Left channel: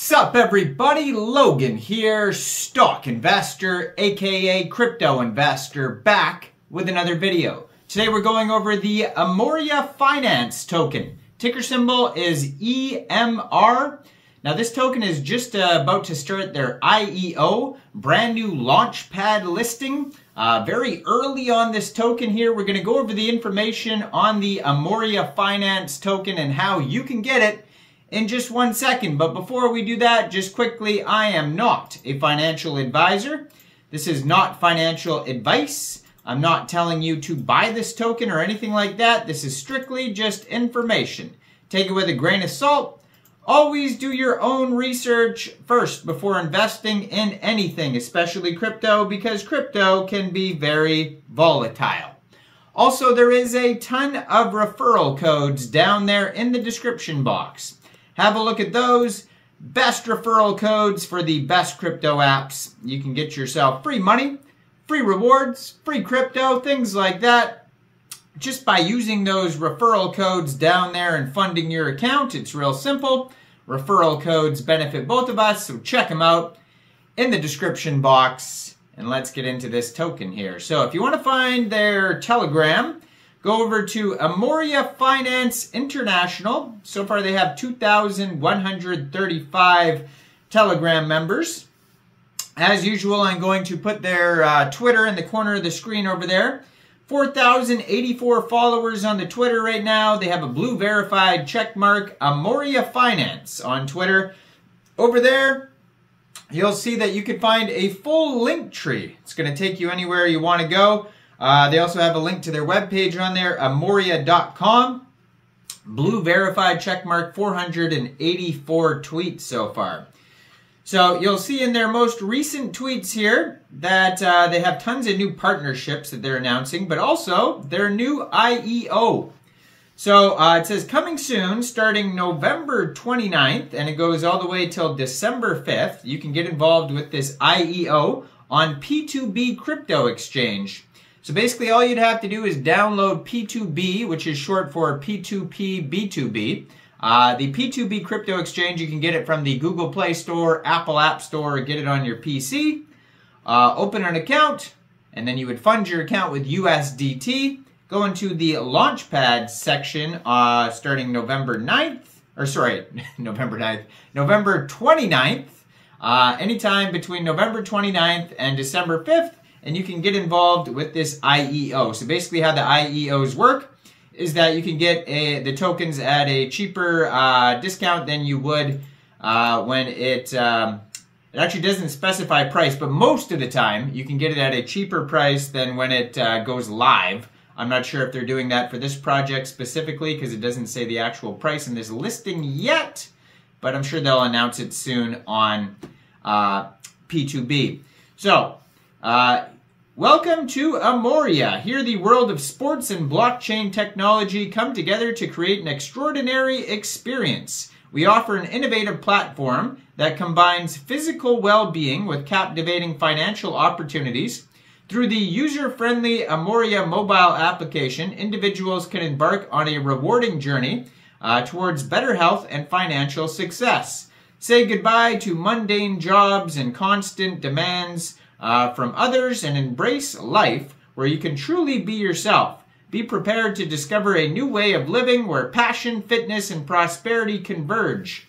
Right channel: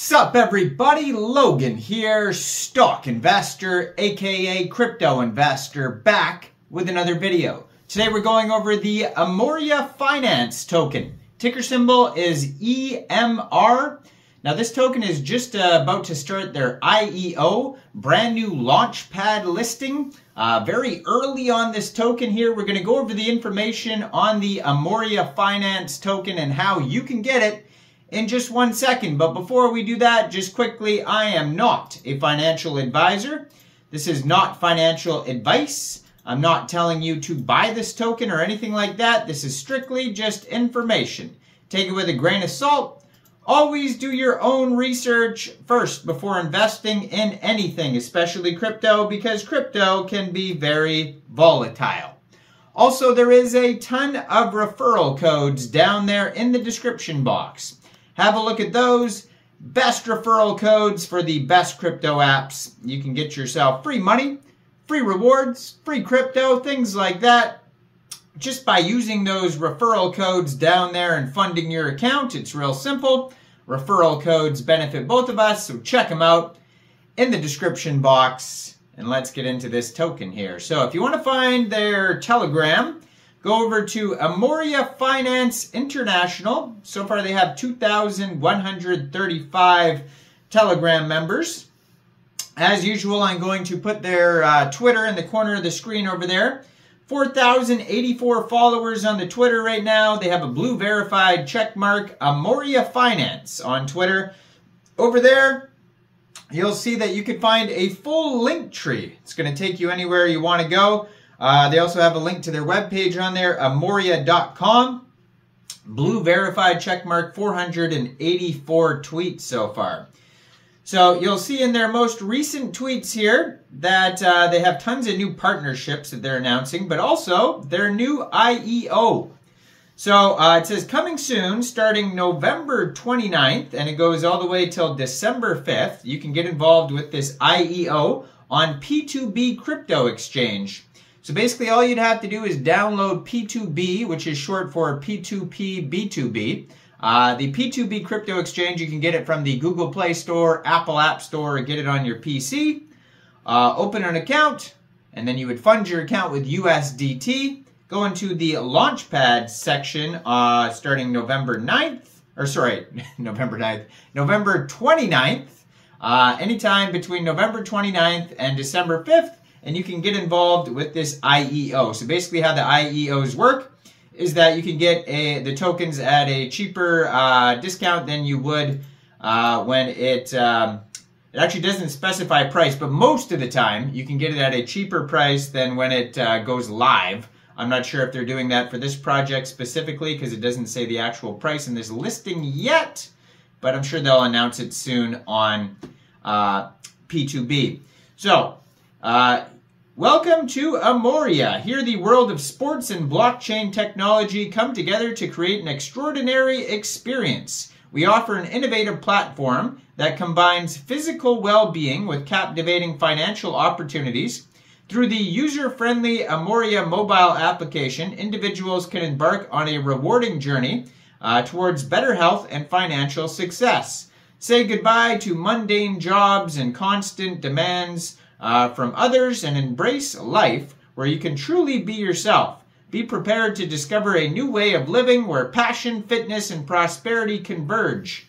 Sup everybody, Logan here, stock investor, aka crypto investor, back with another video. Today we're going over the Emorya Finance token. Ticker symbol is EMR. Now this token is just about to start their IEO, brand new launchpad listing. Very early on this token here, we're going to go over the information on the Emorya Finance token and how you can get it in just 1 second. But before we do that, just quickly, I am not a financial advisor. This is not financial advice. I'm not telling you to buy this token or anything like that. This is strictly just information. Take it with a grain of salt. Always do your own research first before investing in anything, especially crypto, because crypto can be very volatile. Also, there is a ton of referral codes down there in the description box. Have a look at those. Best referral codes for the best crypto apps. You can get yourself free money, free rewards, free crypto, things like that. Just by using those referral codes down there and funding your account. It's real simple. Referral codes benefit both of us, so check them out in the description box. And let's get into this token here. So if you want to find their Telegram, go over to Emorya Finance International. So far they have 2,135 Telegram members. As usual, I'm going to put their Twitter in the corner of the screen over there. 4,084 followers on the Twitter right now. They have a blue verified check mark, Emorya Finance on Twitter. Over there, you'll see that you can find a full link tree. It's going to take you anywhere you want to go. They also have a link to their webpage on there, emorya.com. Blue verified checkmark, 484 tweets so far. So you'll see in their most recent tweets here that they have tons of new partnerships that they're announcing, but also their new IEO. So it says coming soon, starting November 29th, and it goes all the way till December 5th. You can get involved with this IEO on P2B crypto exchange. So basically all you'd have to do is download P2B, which is short for P2P2B. The P2B crypto exchange, you can get it from the Google Play Store, Apple App Store, or get it on your PC. Open an account, and then you would fund your account with USDT. Go into the Launchpad section starting November 29th. Anytime between November 29th and December 5th. And you can get involved with this IEO. So basically how the IEOs work is that you can get the tokens at a cheaper discount than you would when it actually doesn't specify price, but most of the time you can get it at a cheaper price than when it goes live. I'm not sure if they're doing that for this project specifically because it doesn't say the actual price in this listing yet, but I'm sure they'll announce it soon on P2B. So, welcome to Emorya. Here the world of sports and blockchain technology come together to create an extraordinary experience. We offer an innovative platform that combines physical well-being with captivating financial opportunities. Through the user-friendly Emorya mobile application, individuals can embark on a rewarding journey towards better health and financial success. Say goodbye to mundane jobs and constant demands from others and embrace life where you can truly be yourself. Be prepared to discover a new way of living where passion, fitness, and prosperity converge.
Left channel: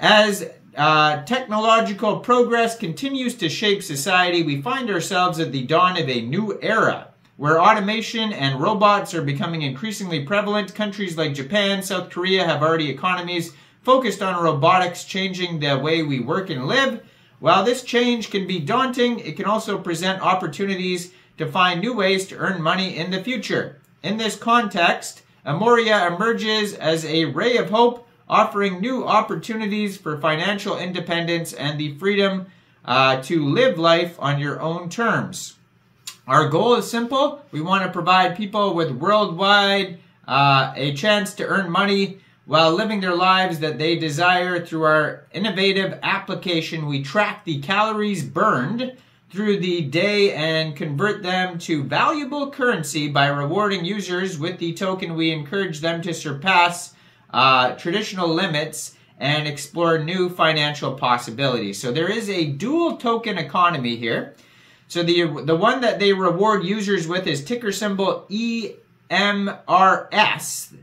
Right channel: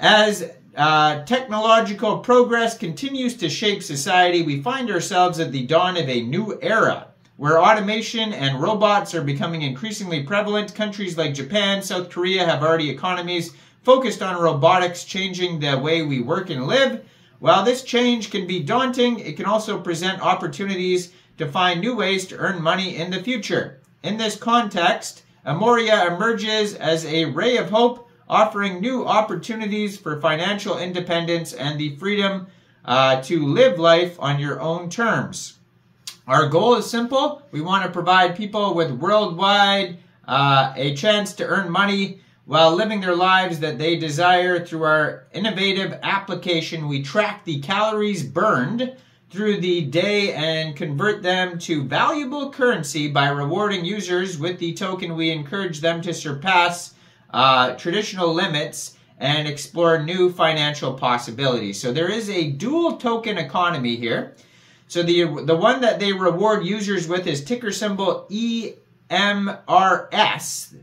As technological progress continues to shape society, we find ourselves at the dawn of a new era where automation and robots are becoming increasingly prevalent. Countries like Japan, South Korea have already economies focused on robotics changing the way we work and live. While this change can be daunting, it can also present opportunities to find new ways to earn money in the future. In this context, Emorya emerges as a ray of hope, offering new opportunities for financial independence and the freedom to live life on your own terms. Our goal is simple. We want to provide people with worldwide a chance to earn money while living their lives that they desire. Through our innovative application, we track the calories burned through the day and convert them to valuable currency by rewarding users with the token. We encourage them to surpass traditional limits and explore new financial possibilities. So there is a dual token economy here. So the one that they reward users with is ticker symbol EMRS,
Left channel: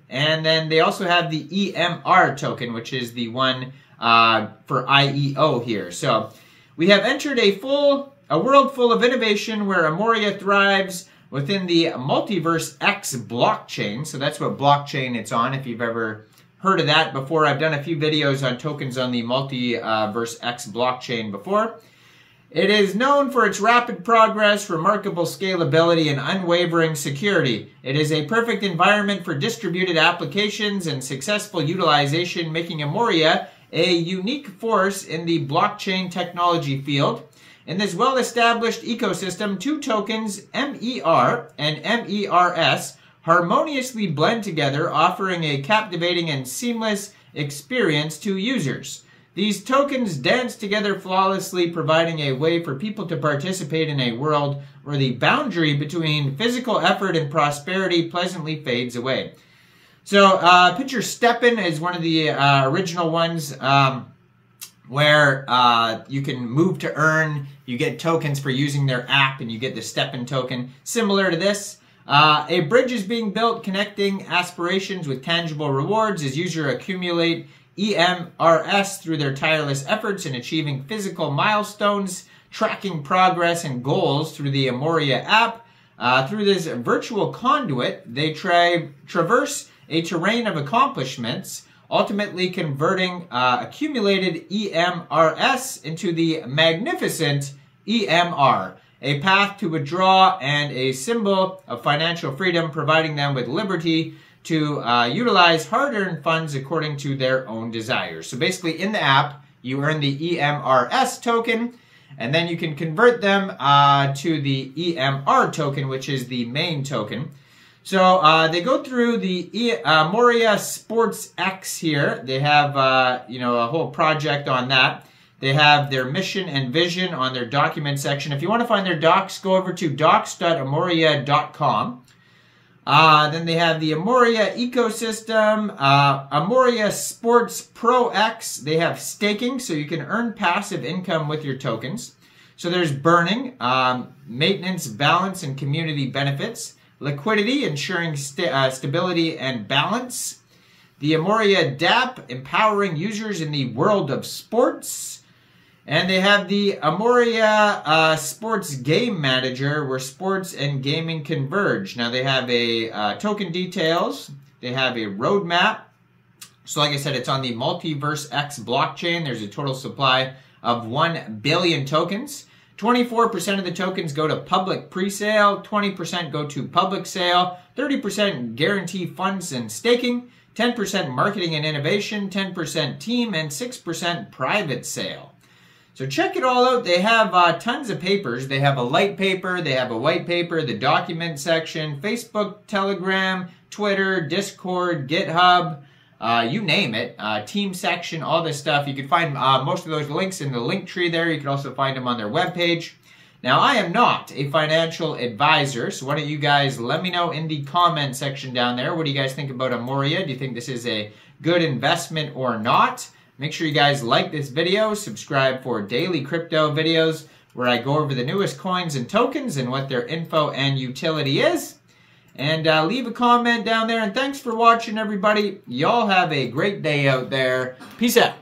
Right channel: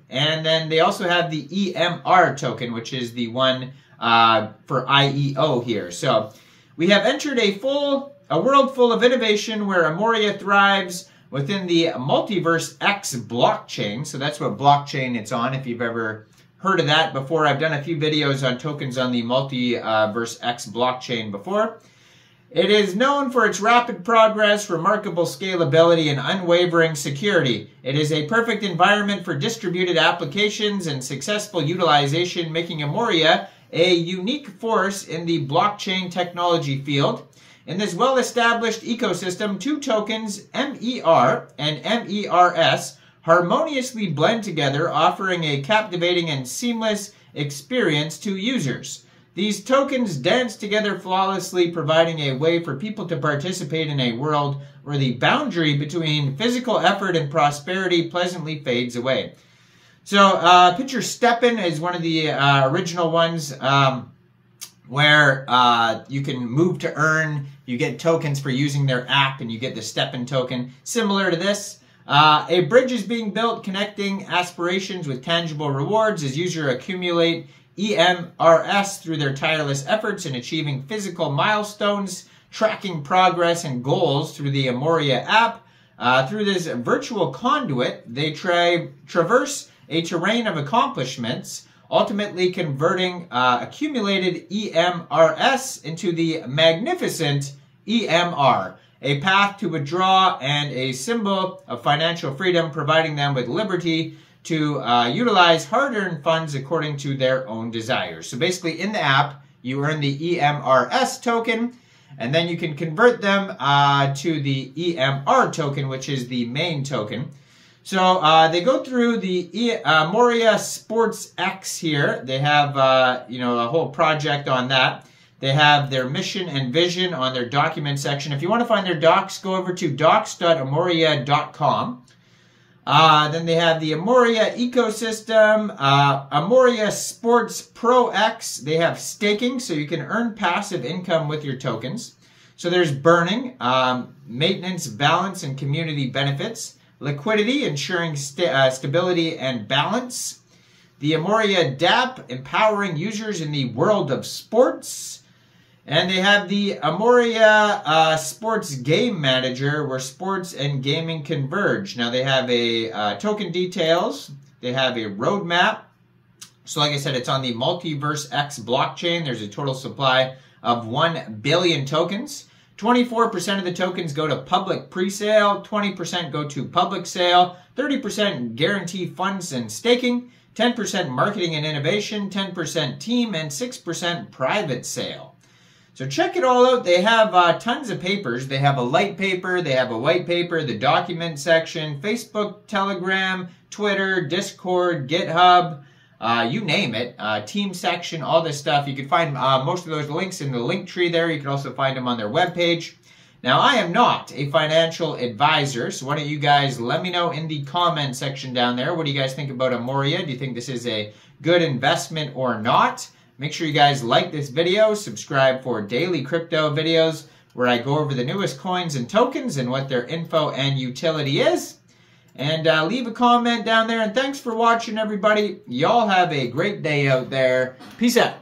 and then they also have the EMR token, which is the one for IEO here. So we have entered a world full of innovation where Emorya thrives within the Multiverse X blockchain. So that's what blockchain it's on, if you've ever heard of that before. I've done a few videos on tokens on the Multiverse X blockchain before. It is known for its rapid progress, remarkable scalability, and unwavering security. It is a perfect environment for distributed applications and successful utilization, making Emorya a unique force in the blockchain technology field. In this well-established ecosystem, two tokens, MER and MERS, harmoniously blend together, offering a captivating and seamless experience to users. These tokens dance together flawlessly, providing a way for people to participate in a world where the boundary between physical effort and prosperity pleasantly fades away. So, picture STEPN is one of the original ones where you can move to earn. You get tokens for using their app, and you get the STEPN token. Similar to this, a bridge is being built connecting aspirations with tangible rewards as users accumulate EMRS through their tireless efforts in achieving physical milestones, tracking progress and goals through the Emorya app. Through this virtual conduit, they traverse a terrain of accomplishments, ultimately converting accumulated EMRS into the magnificent EMR, a path to withdraw and a symbol of financial freedom, providing them with liberty to utilize hard-earned funds according to their own desires. So basically in the app, you earn the EMRS token, and then you can convert them to the EMR token, which is the main token. So they go through the Emorya Sports X here. They have a whole project on that. They have their mission and vision on their document section. If you want to find their docs, go over to docs.emorya.com. Then they have the Emorya ecosystem, Emorya Sports Pro X. They have staking, so you can earn passive income with your tokens. So there's burning, maintenance, balance, and community benefits. Liquidity, ensuring stability and balance. The Emorya DApp, empowering users in the world of sports. And they have the Emorya Sports Game Manager, where sports and gaming converge. Now they have a token details. They have a roadmap. So like I said, it's on the Multiverse X blockchain. There's a total supply of 1 billion tokens. 24% of the tokens go to public pre-sale, 20% go to public sale, 30% guarantee funds and staking, 10% marketing and innovation, 10% team, and 6% private sale. So check it all out. They have tons of papers. They have a light paper, they have a white paper, the document section, Facebook, Telegram, Twitter, Discord, GitHub, you name it, team section, all this stuff. You can find most of those links in the link tree there. You can also find them on their webpage. Now, I am not a financial advisor, so why don't you guys let me know in the comment section down there. What do you guys think about Emorya? Do you think this is a good investment or not? Make sure you guys like this video, subscribe for daily crypto videos where I go over the newest coins and tokens and what their info and utility is. And leave a comment down there. And thanks for watching, everybody. Y'all have a great day out there. Peace out.